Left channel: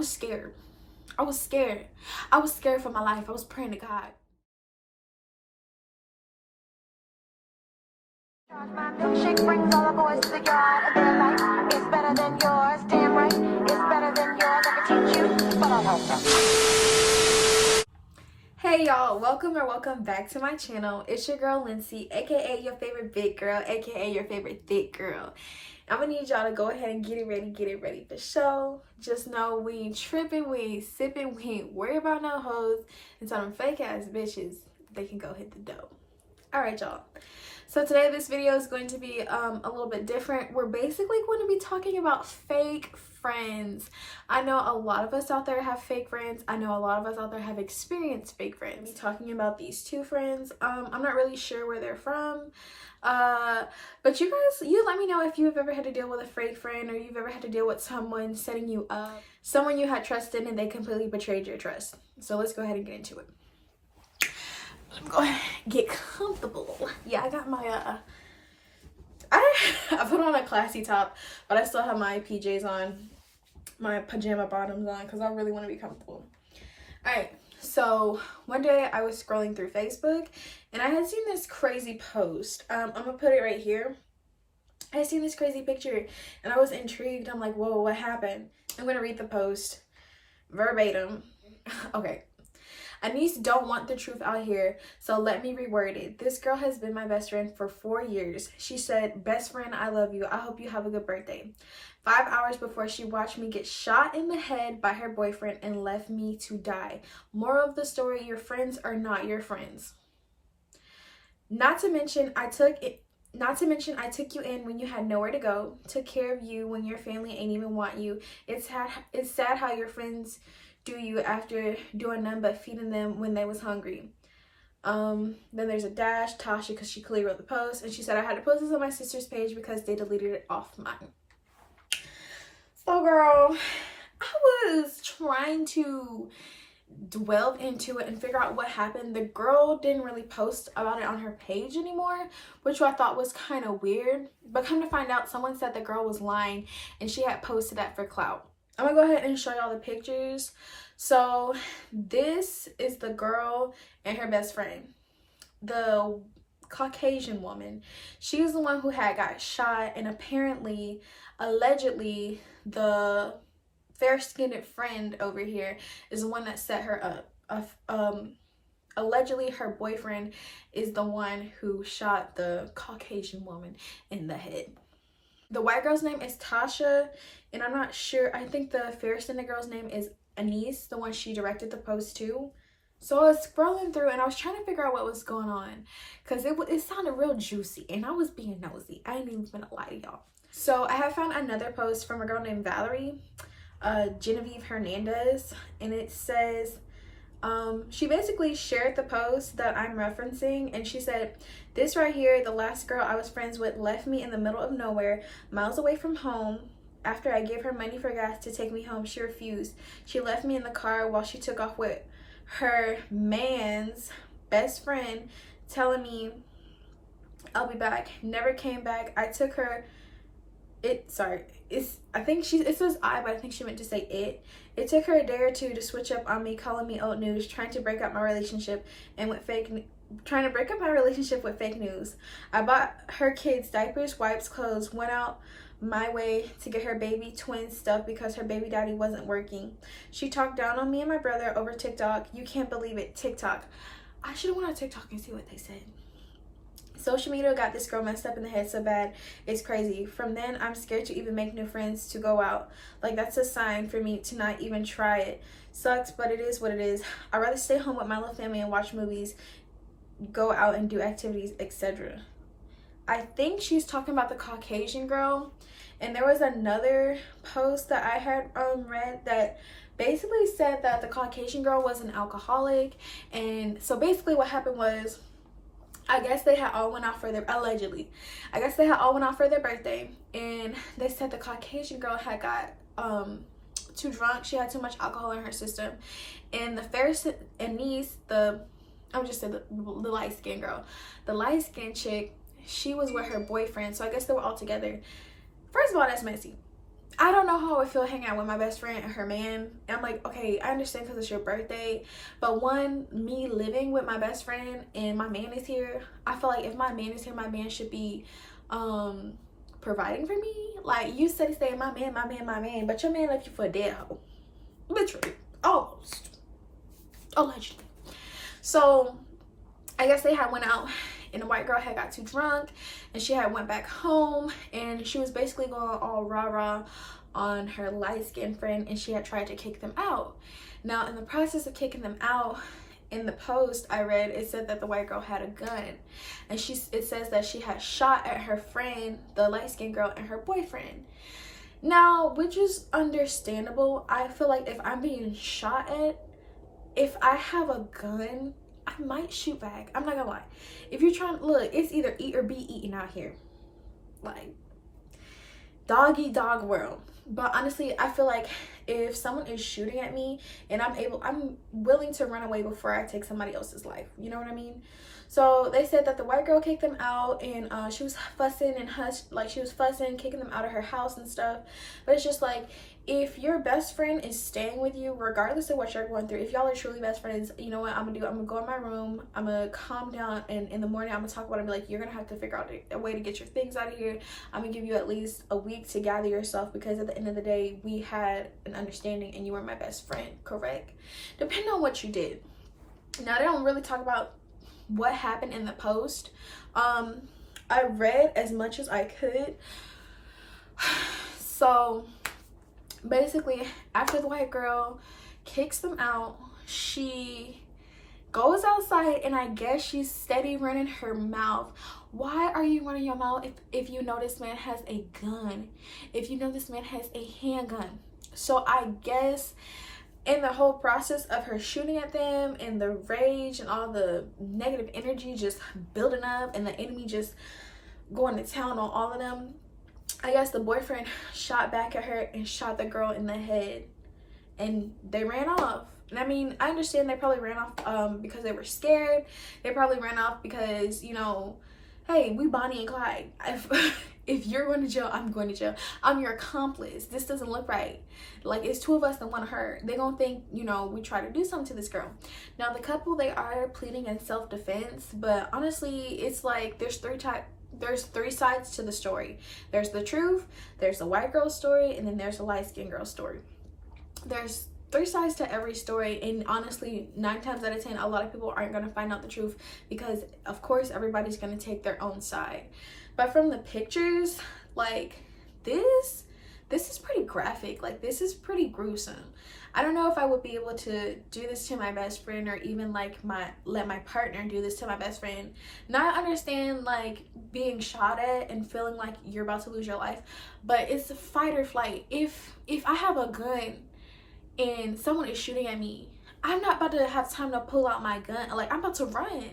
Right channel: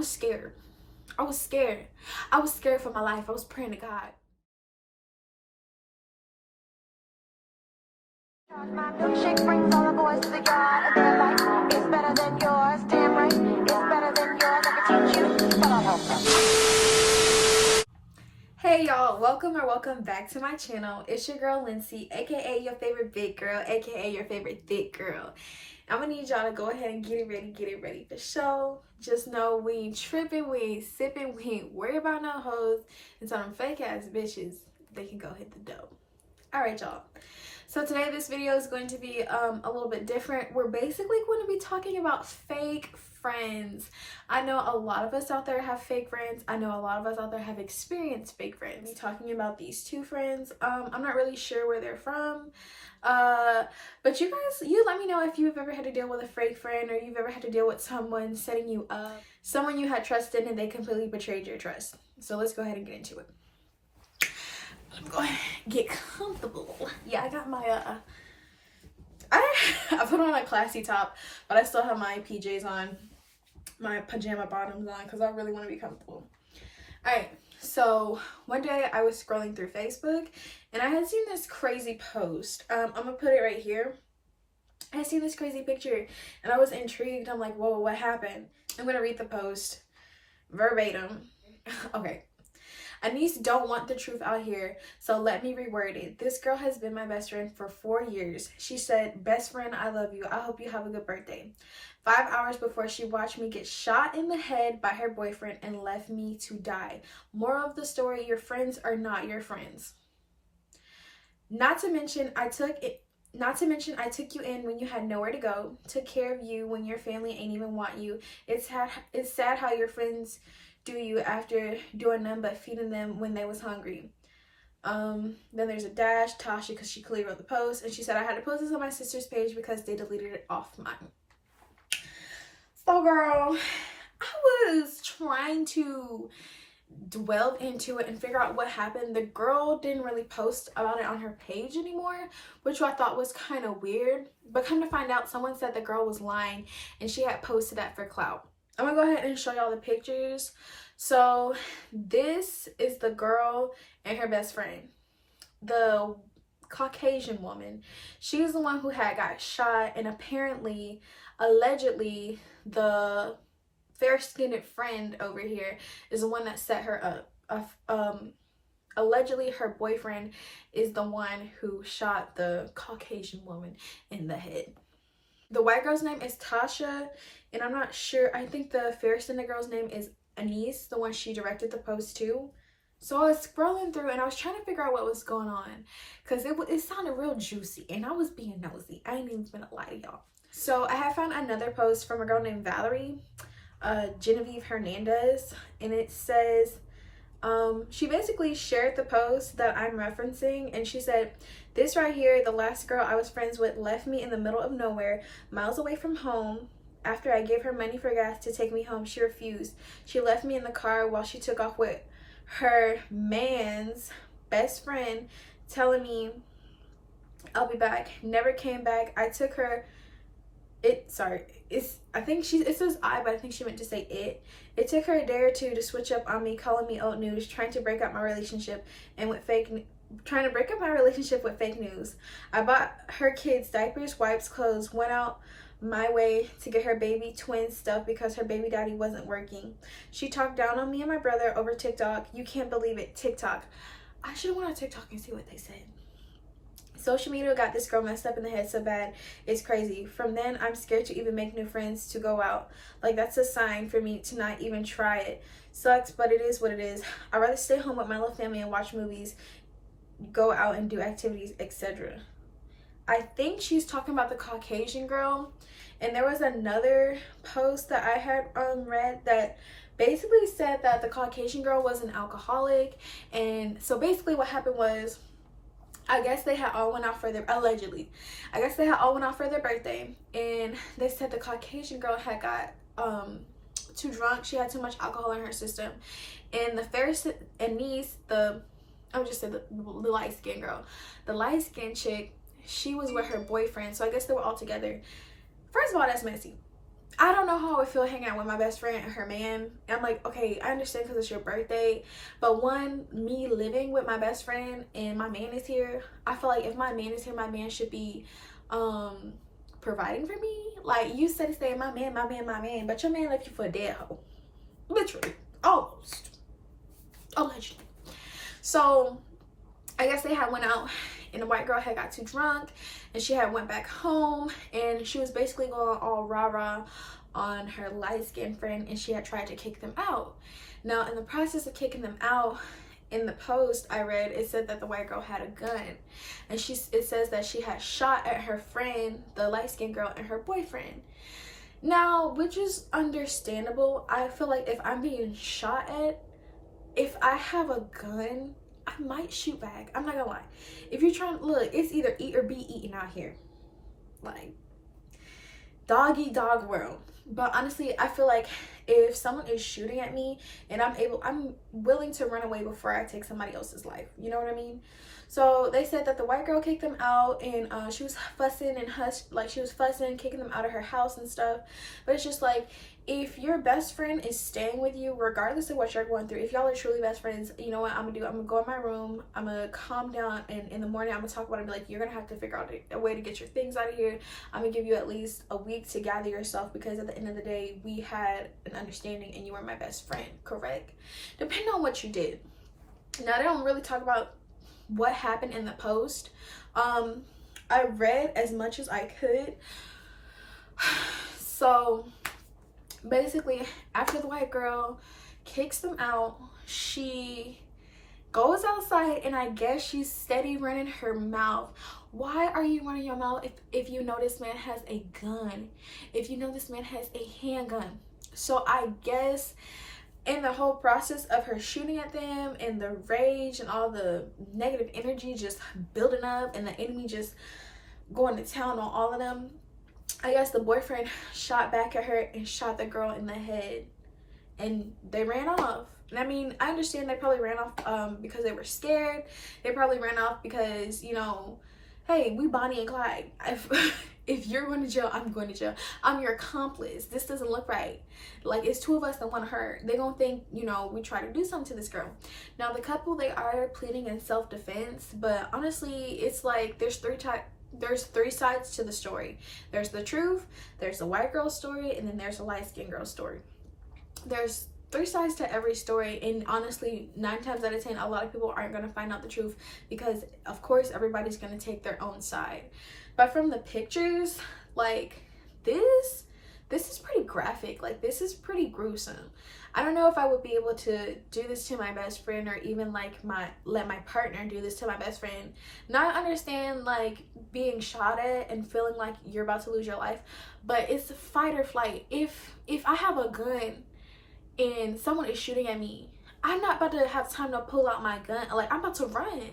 was scared. I was scared. I was scared for my life. I was praying to God. My milkshake brings all the boys to the yard, and they're like, it's better than yours. Damn right, it's better than yours. I can teach you, but I don't know. Hey y'all, welcome back to my channel. It's your girl Lindsay, aka your favorite big girl, aka your favorite thick girl. I'm gonna need y'all to go ahead and get it ready for show. Just know we ain't tripping, we ain't sipping, we ain't worried about no hoes. And so them fake ass bitches, they can go hit the dough. Alright y'all. So today this video is going to be a little bit different. We're basically going to be talking about fake friends. I know a lot of us out there have fake friends. I know a lot of us out there have experienced fake friends. We're talking about these two friends. I'm not really sure where they're from. But you let me know if you've ever had to deal with a fake friend, or you've ever had to deal with someone setting you up, someone you had trust in and they completely betrayed your trust. So let's go ahead and get into it. Go ahead, get comfortable. Yeah, I got my I put on a classy top, but I still have my PJs on, my pajama bottoms on, because I really want to be comfortable. All right, so one day I was scrolling through Facebook and I had seen this crazy post. I'm gonna put it right here. I had seen this crazy picture and I was intrigued. I'm like, whoa, what happened? I'm gonna read the post verbatim. Okay. Anise don't want the truth out here, so let me reword it. This girl has been my best friend for 4 years. She said, best friend, I love you. I hope you have a good birthday. 5 hours before she watched me get shot in the head by her boyfriend and left me to die. Moral of the story, your friends are not your friends. Not to mention, I took you in when you had nowhere to go, took care of you when your family ain't even want you. It's sad how your friends do you after doing nothing but feeding them when they was hungry. Then there's a dash, Tasha, because she clearly wrote the post, and she said, I had to post this on my sister's page because they deleted it off mine. So girl, I was trying to delve into it and figure out what happened. The girl didn't really post about it on her page anymore, which I thought was kind of weird, but come to find out, someone said the girl was lying and she had posted that for clout. I'm gonna go ahead and show y'all the pictures. So this is the girl and her best friend, the Caucasian woman. She's the one who had got shot, and apparently, allegedly, the fair-skinned friend over here is the one that set her up. Allegedly her boyfriend is the one who shot the Caucasian woman in the head. The white girl's name is Tasha, and I'm not sure, I think the fair-skinned girl's name is Anise, the one she directed the post to. So I was scrolling through and I was trying to figure out what was going on, because it sounded real juicy and I was being nosy. I ain't even gonna lie to y'all. So I have found another post from a girl named Valerie, Genevieve Hernandez, and it says, she basically shared the post that I'm referencing, and she said, this right here, the last girl I was friends with left me in the middle of nowhere, miles away from home. After I gave her money for gas to take me home, she refused. She left me in the car while she took off with her man's best friend, telling me I'll be back. Never came back. I took her, it says I, but I think she meant to say it. It took her a day or two to switch up on me, calling me old news, trying to break up my relationship with fake news. I bought her kids diapers, wipes, clothes, went out my way to get her baby twin stuff because her baby daddy wasn't working. She talked down on me and my brother over TikTok. You can't believe it, TikTok. I should have went on TikTok and see what they said. Social media got this girl messed up in the head so bad, it's crazy. From then, I'm scared to even make new friends, to go out. Like, that's a sign for me to not even try it. Sucks, but it is what it is. I'd rather stay home with my little family and watch movies, go out and do activities, etc. I think she's talking about the Caucasian girl. And there was another post that I had read that basically said that the Caucasian girl was an alcoholic. And so basically what happened was, I guess they had all went out for their, allegedly, I guess they had all went out for their birthday, and they said the Caucasian girl had got too drunk. She had too much alcohol in her system, and the Anise, I'm just saying the light-skinned girl, the light-skinned chick, she was with her boyfriend. So I guess they were all together. First of all, that's messy. I don't know how I feel hanging out with my best friend and her man. And I'm like, okay, I understand because it's your birthday, but one, me living with my best friend and my man is here, I feel like if my man is here, my man should be providing for me. Like, you said, say my man, but your man left you for a dead hoe, literally, almost, allegedly. So I guess they had went out and the white girl had got too drunk and she had went back home, and she was basically going all rah-rah on her light-skinned friend, and she had tried to kick them out. Now, in the process of kicking them out, in the post I read, it said that the white girl had a gun, and it says that she had shot at her friend, the light-skinned girl, and her boyfriend. Now, which is understandable. I feel like if I'm being shot at, if I have a gun, I might shoot back. I'm not gonna lie. If you're trying, look, it's either eat or be eaten out here. Like, dog eat dog world. But honestly, I feel like if someone is shooting at me and I'm willing to run away before I take somebody else's life. You know what I mean? So they said that the white girl kicked them out, and she was fussing and she was fussing, kicking them out of her house and stuff. But it's just like, if your best friend is staying with you, regardless of what you're going through, if y'all are truly best friends, you know what I'm gonna do? I'm gonna go in my room, I'm gonna calm down, and in the morning I'm gonna talk about it and be like, you're gonna have to figure out a way to get your things out of here. I'm gonna give you at least a week to gather yourself, because at the end of the day, we had an understanding and you were my best friend, correct? Depending on what you did. Now, they don't really talk about what happened in the post. I read as much as I could. So basically, after the white girl kicks them out, she goes outside, and I guess she's steady running her mouth. Why are you running your mouth if you know this man has a gun, if you know this man has a handgun? So I guess in the whole process of her shooting at them and the rage and all the negative energy just building up and the enemy just going to town on all of them, I guess the boyfriend shot back at her and shot the girl in the head, and they ran off. And I mean, I understand they probably ran off because they were scared. They probably ran off because, you know, hey, we Bonnie and Clyde. If you're going to jail, I'm going to jail. I'm your accomplice. This doesn't look right. Like, it's two of us that want her. They gonna think, you know, we try to do something to this girl. Now, the couple, they are pleading in self-defense, but honestly, it's like there's three sides to the story. There's the truth, there's the white girl story, and then there's a light-skinned girl story. There's three sides to every story, and honestly, 9 times out of 10, a lot of people aren't going to find out the truth, because of course everybody's going to take their own side. But from the pictures, like, this is pretty graphic. Like, this is pretty gruesome. I don't know if I would be able to do this to my best friend, or even like let my partner do this to my best friend. Now, I understand like being shot at and feeling like you're about to lose your life, but it's fight or flight. If I have a gun and someone is shooting at me, I'm not about to have time to pull out my gun. Like, I'm about to run.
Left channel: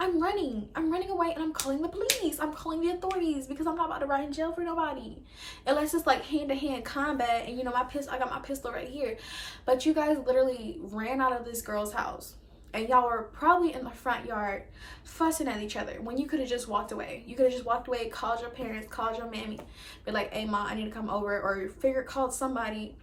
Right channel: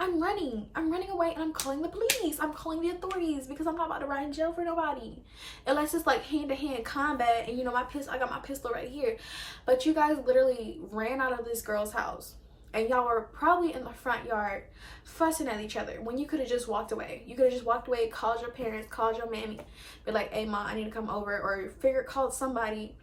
I'm running away, and I'm calling the police. I'm calling the authorities, because I'm not about to ride in jail for nobody. Unless it's like hand-to-hand combat, and you know, I got my pistol right here. But you guys literally ran out of this girl's house, and y'all were probably in the front yard fussing at each other when you could have just walked away. You could have just walked away, called your parents, called your mammy, be like, hey mom, I need to come over, or called somebody.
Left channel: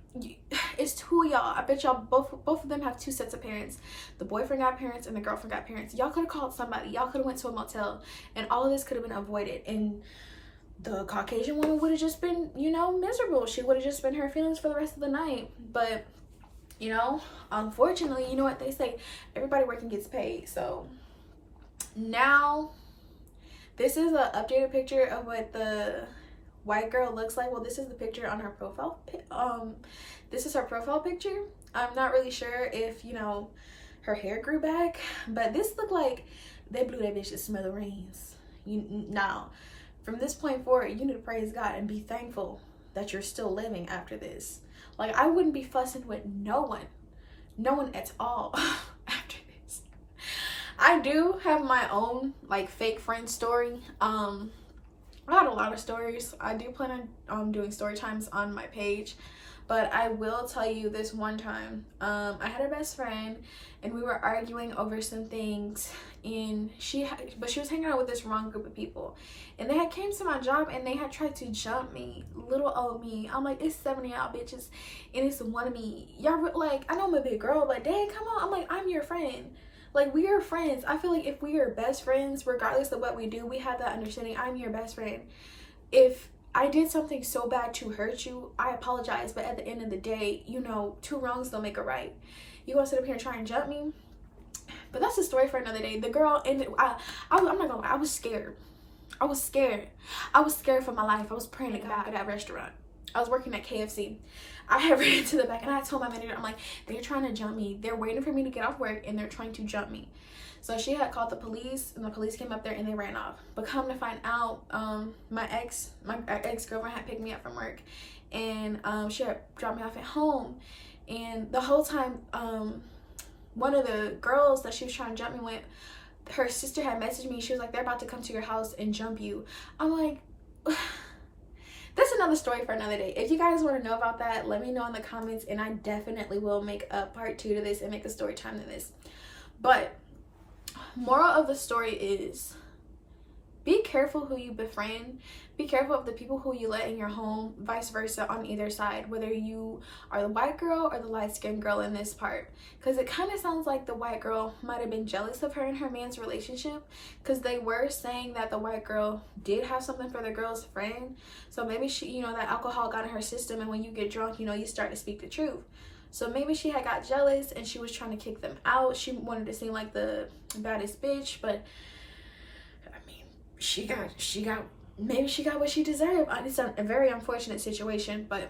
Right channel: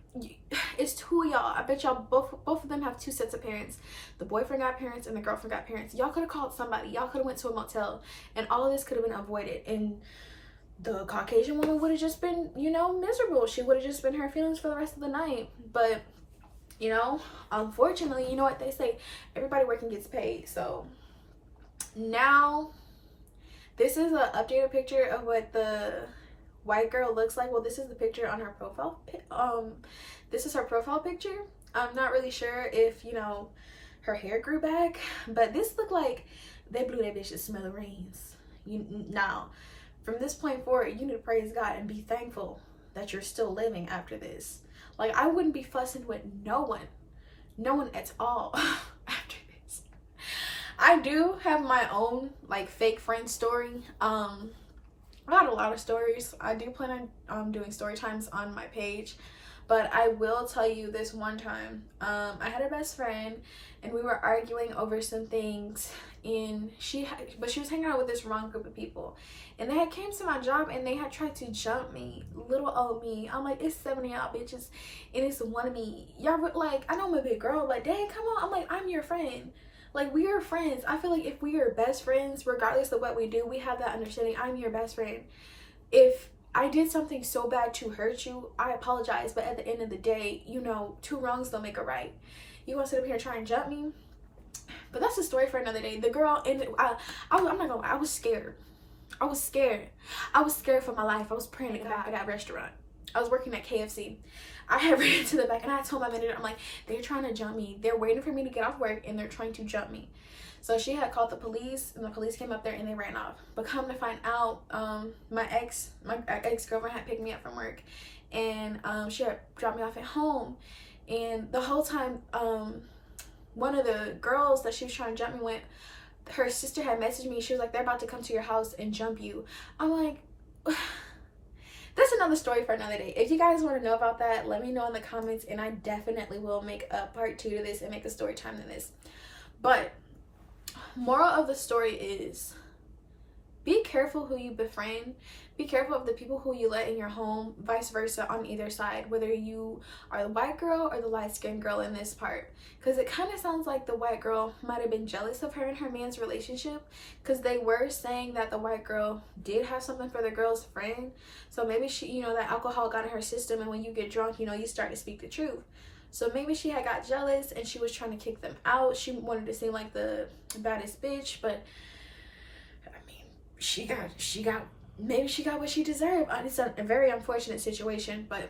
It's two of y'all. I bet y'all both of them have 2 sets of parents. The boyfriend got parents and the girlfriend got parents. Y'all could have called somebody. Y'all could have went to a motel, and all of this could have been avoided. And the Caucasian woman would have just been, you know, miserable. She would have just been her feelings for the rest of the night. But, you know, unfortunately, you know what they say, everybody working gets paid. So now this is an updated picture of what the white girl looks like. Well, this is the picture on her profile. This is her profile picture. I'm not really sure if, you know, her hair grew back, but this looked like they blew that bitch to smithereens. Now, from this point forward, you need to praise God and be thankful that you're still living after this. Like, I wouldn't be fussing with no one at all after this. I do have my own like fake friend story. I got a lot of stories. I do plan on doing story times on my page, But I will tell you this one time, I had a best friend and we were arguing over some things, and she was hanging out with this wrong group of people, and they had came to my job and they had tried to jump me, little old me. I'm like, it's 7 of y'all bitches and it's one of me. Y'all like, I know I'm a big girl, but dang, come on. I'm like, I'm your friend. Like, we are friends. I feel like if we are best friends, regardless of what we do, we have that understanding. I'm your best friend. If I did something so bad to hurt you, I apologize. But at the end of the day, you know, 2 wrongs don't make a right. You gonna sit up here and try and jump me? But that's a story for another day. The girl, and I'm not gonna lie, I was scared. I was scared. I was scared for my life. I was praying to God at that restaurant. I was working at KFC. I had ran to the back and I told my manager, I'm like, they're trying to jump me. They're waiting for me to get off work and they're trying to jump me. So she had called the police, and the police came up there and they ran off. But come to find out, my ex-girlfriend had picked me up from work, and she had dropped me off at home. And the whole time, one of the girls that she was trying to jump me with, her sister had messaged me. She was like, they're about to come to your house and jump you. I'm like, that's another story for another day. If you guys want to know about that, let me know in the comments, and I definitely will make a part 2 to this and make a story time to this. But moral of the story is, be careful who you befriend. Be careful of the people who you let in your home, vice versa on either side, whether you are the white girl or the light-skinned girl in this part. Because it kind of sounds like the white girl might have been jealous of her and her man's relationship, because they were saying that the white girl did have something for the girl's friend. So maybe she, you know, that alcohol got in her system, and when you get drunk, you know, you start to speak the truth. So maybe she had got jealous and she was trying to kick them out. She wanted to seem like the baddest bitch, but I mean, maybe she got what she deserved. It's a very unfortunate situation, but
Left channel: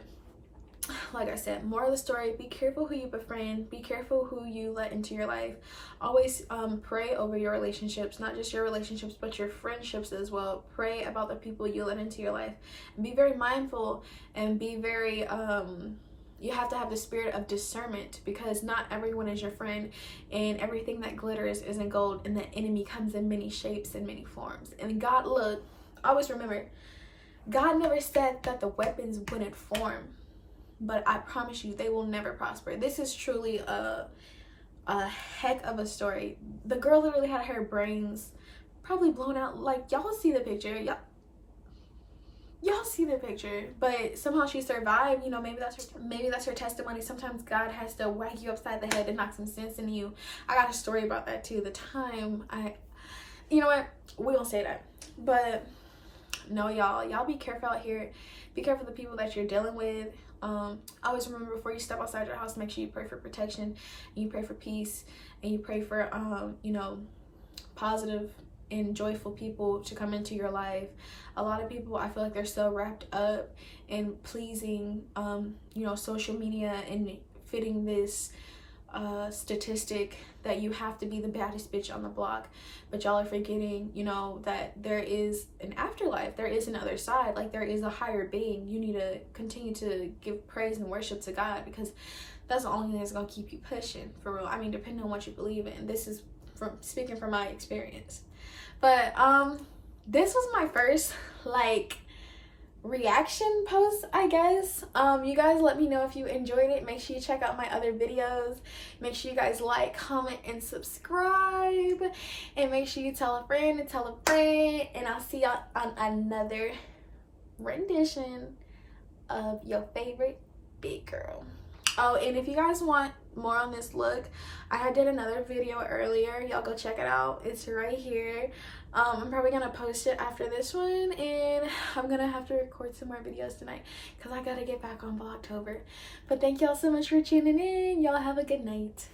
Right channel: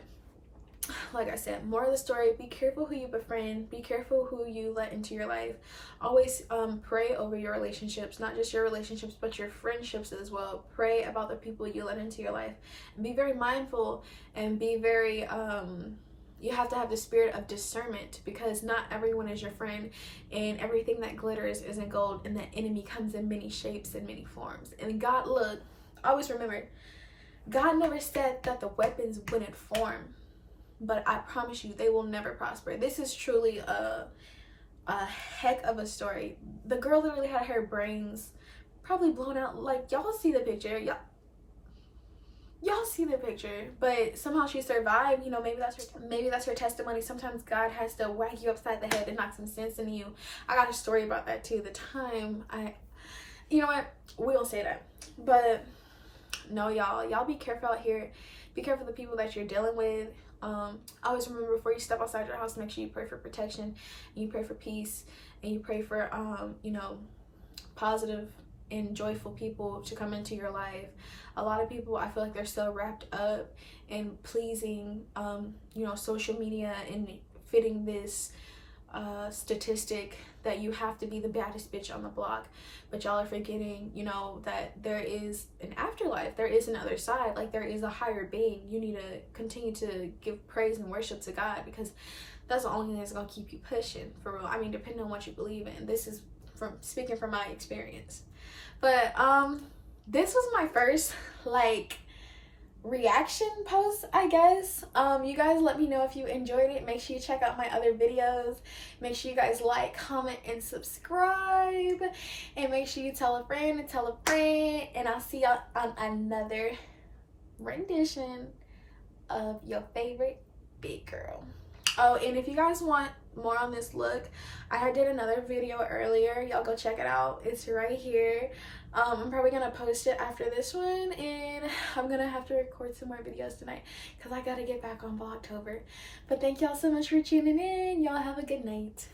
like I said, moral of the story, be careful who you befriend. Be careful who you let into your life. Always pray over your relationships, not just your relationships, but your friendships as well. Pray about the people you let into your life. And be very mindful, and be very you have to have the spirit of discernment, because not everyone is your friend, and everything that glitters isn't gold, and the enemy comes in many shapes and many forms. And God, look, always remember, God never said that the weapons wouldn't form, but I promise you they will never prosper. This is truly a heck of a story. The girl literally had her brains probably blown out. Like, y'all see the picture, y'all see the picture, but somehow she survived. You know, maybe that's her testimony. Sometimes God has to whack you upside the head and knock some sense into you. I got a story about that too. The time you know what, we won't say that. But no, y'all be careful out here. Be careful the people that you're dealing with. Always remember, before you step outside your house, make sure you pray for protection, and you pray for peace, and you pray for you know, positive and joyful people to come into your life. A lot of people, I feel like they're so wrapped up in pleasing you know, social media and fitting this statistic that you have to be the baddest bitch on the block. But y'all are forgetting, you know, that there is an afterlife. There is another side. Like, there is a higher being. You need to continue to give praise and worship to God, because that's the only thing that's gonna keep you pushing, for real. I mean, depending on what you believe in. This is speaking from my experience. But this was my first like reaction post, I guess. You guys let me know if you enjoyed it. Make sure you check out my other videos. Make sure you guys like, comment, and subscribe, and make sure you tell a friend and tell a friend, and I'll see y'all on another rendition of your favorite big girl. Oh, and if you guys want more on this look, I did another video earlier. Y'all go check it out. It's right here. I'm probably gonna post it after this one, and I'm gonna have to record some more videos tonight because I gotta get back on Vlogtober. But thank y'all so much for tuning in. Y'all have a good night.